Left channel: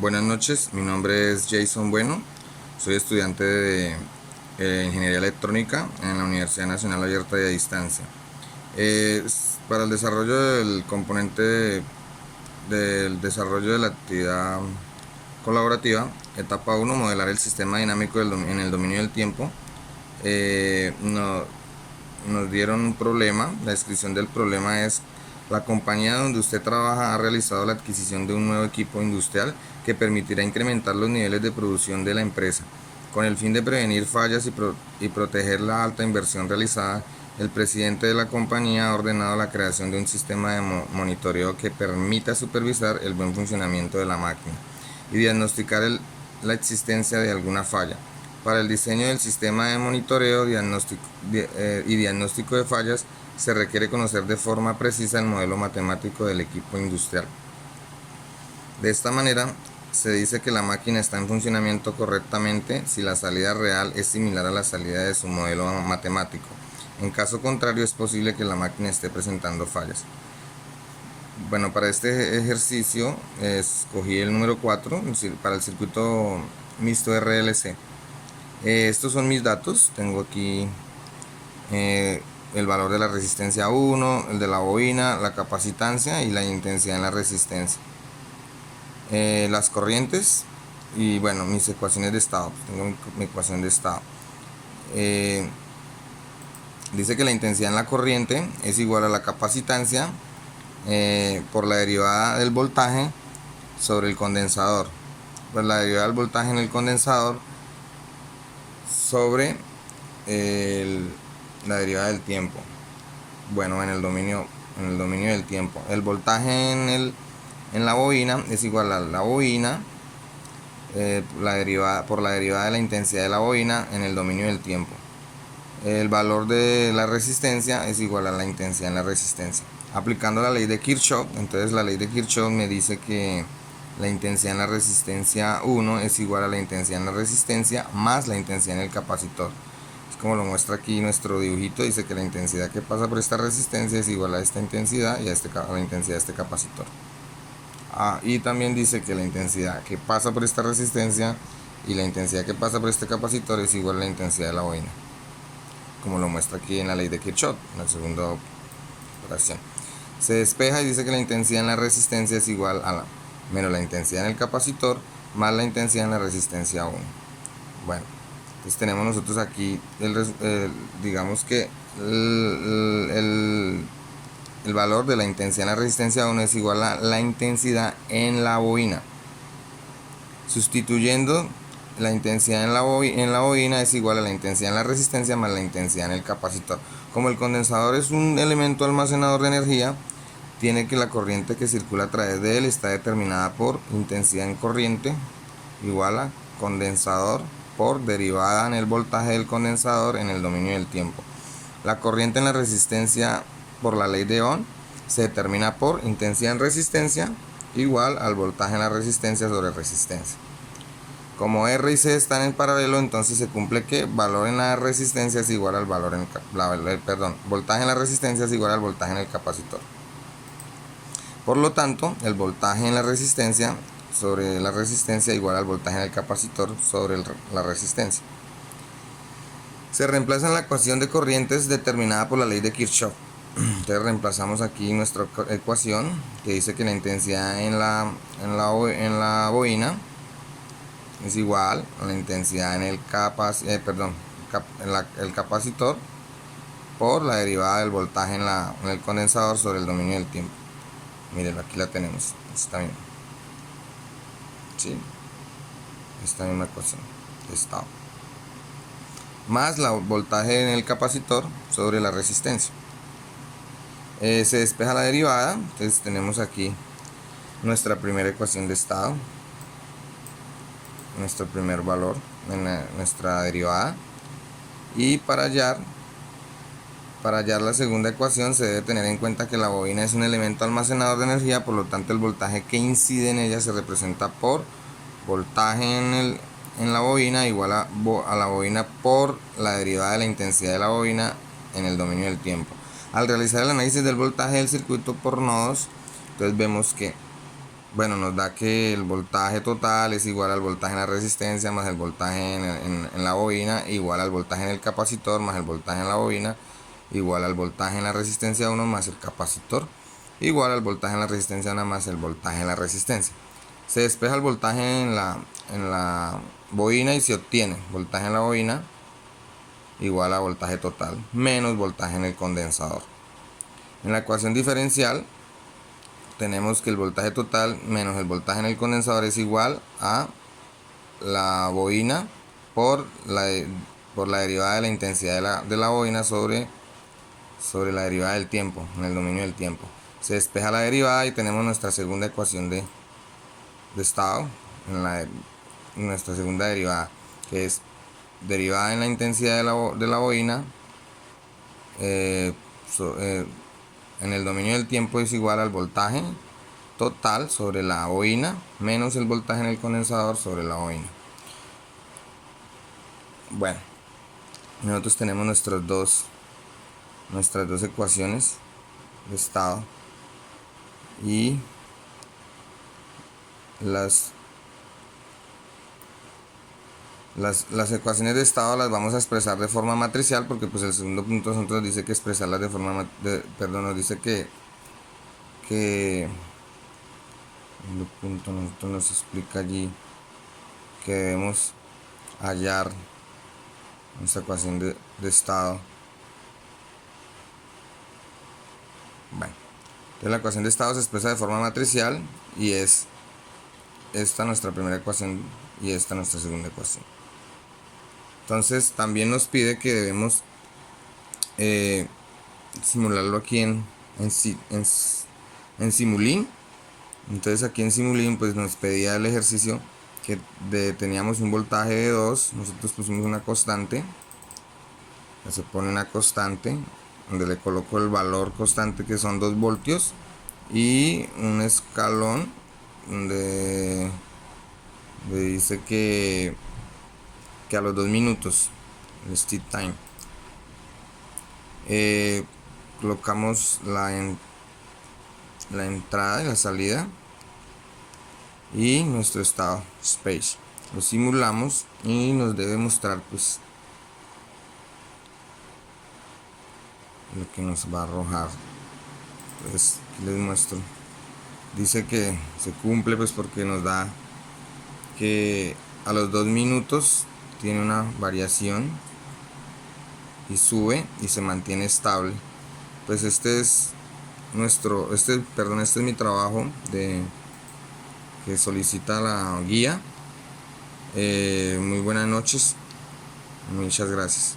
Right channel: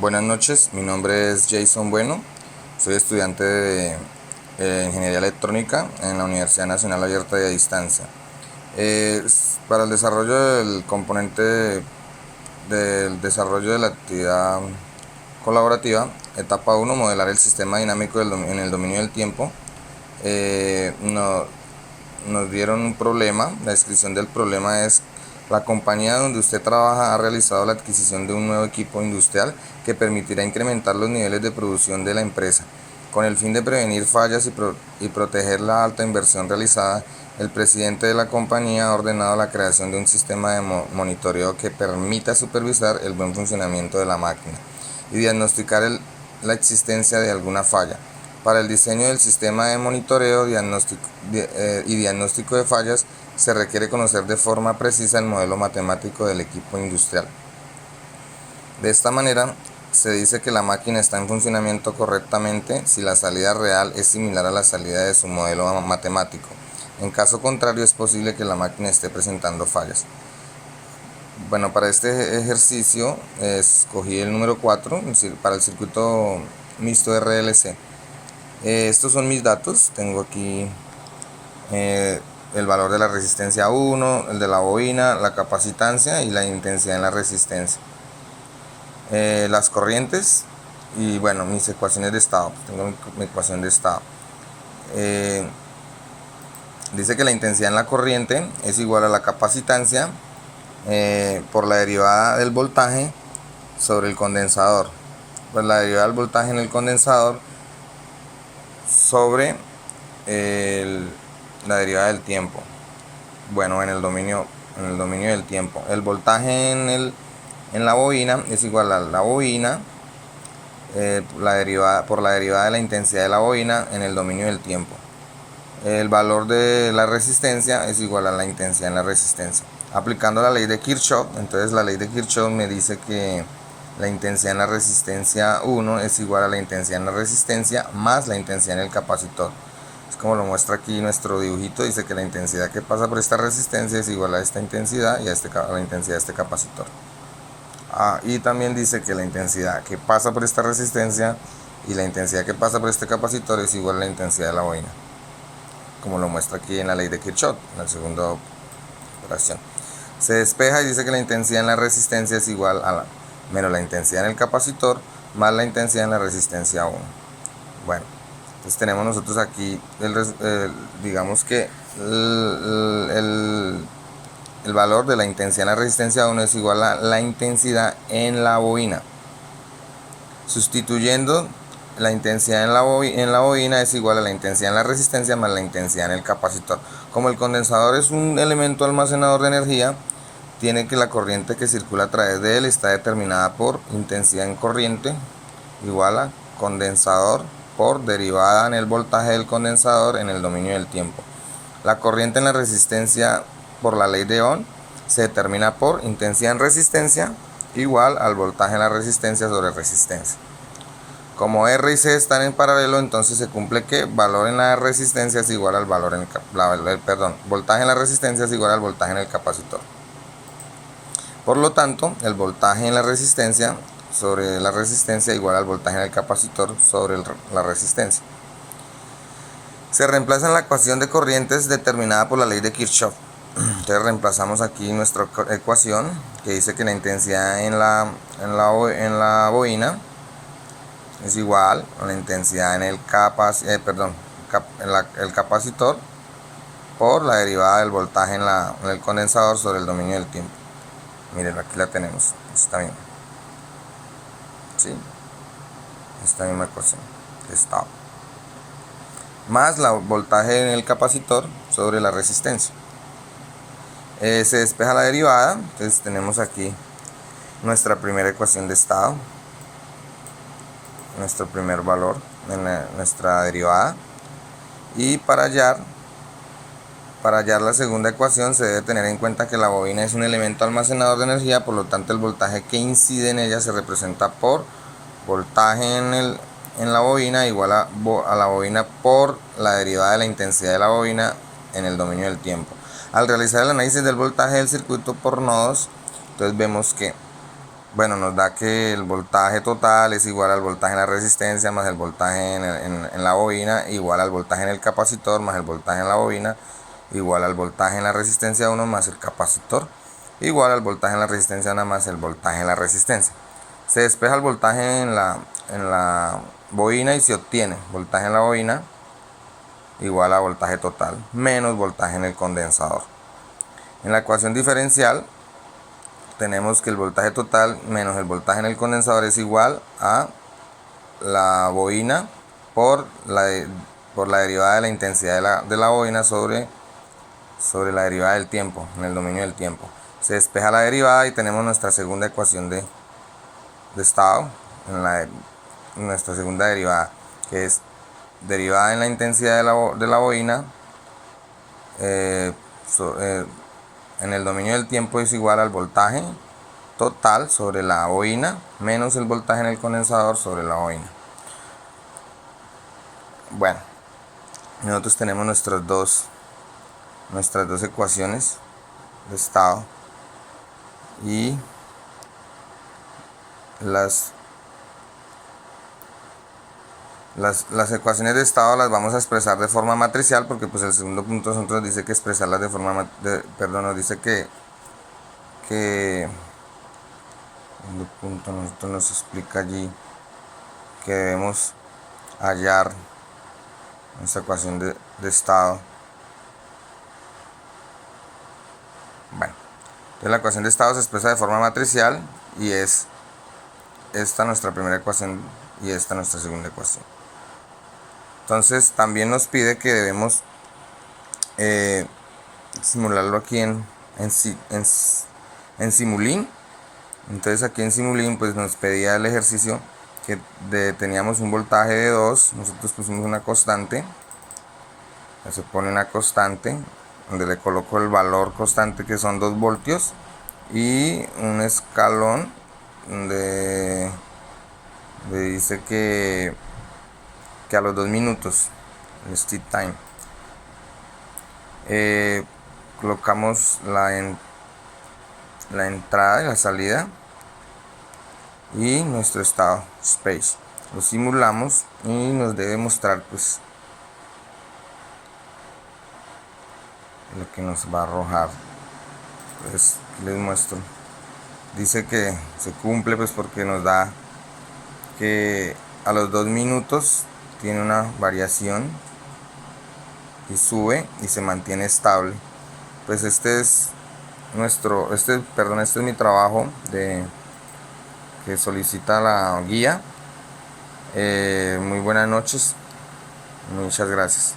Buenas noches, mi nombre es Jason Bueno, soy estudiante de Ingeniería Electrónica en la Universidad Nacional Abierta y a Distancia. Para el desarrollo del componente del desarrollo de la actividad colaborativa, etapa 1, modelar el sistema dinámico en el dominio del tiempo. Nos dieron un problema. La descripción del problema es: la compañía donde usted trabaja ha realizado la adquisición de un nuevo equipo industrial que permitirá incrementar los niveles de producción de la empresa. Con el fin de prevenir fallas y proteger la alta inversión realizada, el presidente de la compañía ha ordenado la creación de un sistema de monitoreo que permita supervisar el buen funcionamiento de la máquina y diagnosticar la existencia de alguna falla. Para el diseño del sistema de monitoreo y diagnóstico de fallas, se requiere conocer de forma precisa el modelo matemático del equipo industrial. De esta manera, se dice que la máquina está en funcionamiento correctamente si la salida real es similar a la salida de su modelo matemático. En caso contrario, es posible que la máquina esté presentando fallas. Bueno, para este ejercicio escogí el número 4 para el circuito mixto RLC. Estos son mis datos. Tengo aquí el valor de la resistencia 1, el de la bobina, la capacitancia y la intensidad en la resistencia. Las corrientes y bueno, mis ecuaciones de estado. Tengo mi ecuación de estado. Dice que la intensidad en la corriente es igual a la capacitancia por la derivada del voltaje sobre el condensador. Pues la derivada del voltaje en el condensador sobre la derivada del tiempo. Bueno, en el dominio del tiempo. El voltaje en la bobina es igual a la bobina por la derivada de la intensidad de la bobina en el dominio del tiempo. El valor de la resistencia es igual a la intensidad en la resistencia. Aplicando la ley de Kirchhoff, entonces la ley de Kirchhoff me dice que la intensidad en la resistencia 1 es igual a la intensidad en la resistencia más la intensidad en el capacitor. Es como lo muestra aquí nuestro dibujito. Dice que la intensidad que pasa por esta resistencia es igual a esta intensidad y a la intensidad de este capacitor. Y también dice que la intensidad que pasa por esta resistencia y la intensidad que pasa por este capacitor es igual a la intensidad de la bobina, como lo muestra aquí en la ley de Kirchhoff, en la segunda operación. Se despeja y dice que la intensidad en la resistencia es igual a menos la intensidad en el capacitor más la intensidad en la resistencia 1. Bueno, entonces tenemos nosotros aquí digamos que el valor de la intensidad en la resistencia 1 es igual a la intensidad en la bobina. Sustituyendo la intensidad en la bobina es igual a la intensidad en la resistencia más la intensidad en el capacitor. Como el condensador es un elemento almacenador de energía, tiene que la corriente que circula a través de él está determinada por intensidad en corriente igual a condensador por derivada en el voltaje del condensador en el dominio del tiempo. La corriente en la resistencia por la ley de Ohm se determina por intensidad en resistencia igual al voltaje en la resistencia sobre resistencia. Como R y C están en paralelo, entonces se cumple que valor en la resistencia es igual al valor en voltaje en la resistencia es igual al voltaje en el capacitor. Por lo tanto, el voltaje en la resistencia sobre la resistencia igual al voltaje en el capacitor sobre la resistencia. Se reemplaza en la ecuación de corrientes determinada por la ley de Kirchhoff. Entonces reemplazamos aquí nuestra ecuación que dice que la intensidad en la bobina es igual a la intensidad en el capacitor por la derivada del voltaje en el condensador sobre el dominio del tiempo. Miren, aquí la tenemos, esta misma. ¿Sí? Esta misma ecuación de estado. Más el voltaje en el capacitor sobre la resistencia. Se despeja la derivada, entonces tenemos aquí nuestra primera ecuación de estado, nuestro primer valor en nuestra derivada. Y para hallar la segunda ecuación se debe tener en cuenta que la bobina es un elemento almacenador de energía, por lo tanto el voltaje que incide en ella se representa por voltaje en la bobina igual a la bobina por la derivada de la intensidad de la bobina en el dominio del tiempo. Al realizar el análisis del voltaje del circuito por nodos, entonces vemos que bueno, nos da que el voltaje total es igual al voltaje en la resistencia más el voltaje en la bobina, igual al voltaje en el capacitor más el voltaje en la bobina, igual al voltaje en la resistencia 1 más el capacitor, igual al voltaje en la resistencia 1 más el voltaje en la resistencia. Se despeja el voltaje en la bobina y se obtiene voltaje en la bobina igual a voltaje total menos voltaje en el condensador. En la ecuación diferencial tenemos que el voltaje total menos el voltaje en el condensador es igual a la bobina por la derivada de la intensidad de la bobina sobre la derivada del tiempo, en el dominio del tiempo. Se despeja la derivada y tenemos nuestra segunda ecuación de estado, nuestra segunda derivada, que es derivada en la intensidad de la bobina en el dominio del tiempo es igual al voltaje total sobre la bobina menos el voltaje en el condensador sobre la bobina. Bueno, nosotros tenemos nuestras dos ecuaciones de estado y las ecuaciones de estado las vamos a expresar de forma matricial, porque pues el segundo punto nos dice que expresarlas de forma nos dice que el punto nos explica allí que debemos hallar nuestra ecuación de estado. Bueno, entonces la ecuación de estado se expresa de forma matricial y es esta nuestra primera ecuación y esta nuestra segunda ecuación. Entonces también nos pide que debemos simularlo aquí en Simulink. Entonces aquí en Simulink pues nos pedía el ejercicio que teníamos un voltaje de 2, nosotros pusimos una constante, se pone una constante donde le coloco el valor constante que son 2 voltios y un escalón donde dice que a los 2 minutos el steep time colocamos la entrada y la salida y nuestro estado space, lo simulamos y nos debe mostrar pues lo que nos va a arrojar. Pues les muestro, dice que se cumple pues porque nos da que a los 2 minutos tiene una variación y sube y se mantiene estable. Pues este es mi trabajo que solicita la guía. Muy buenas noches, muchas gracias.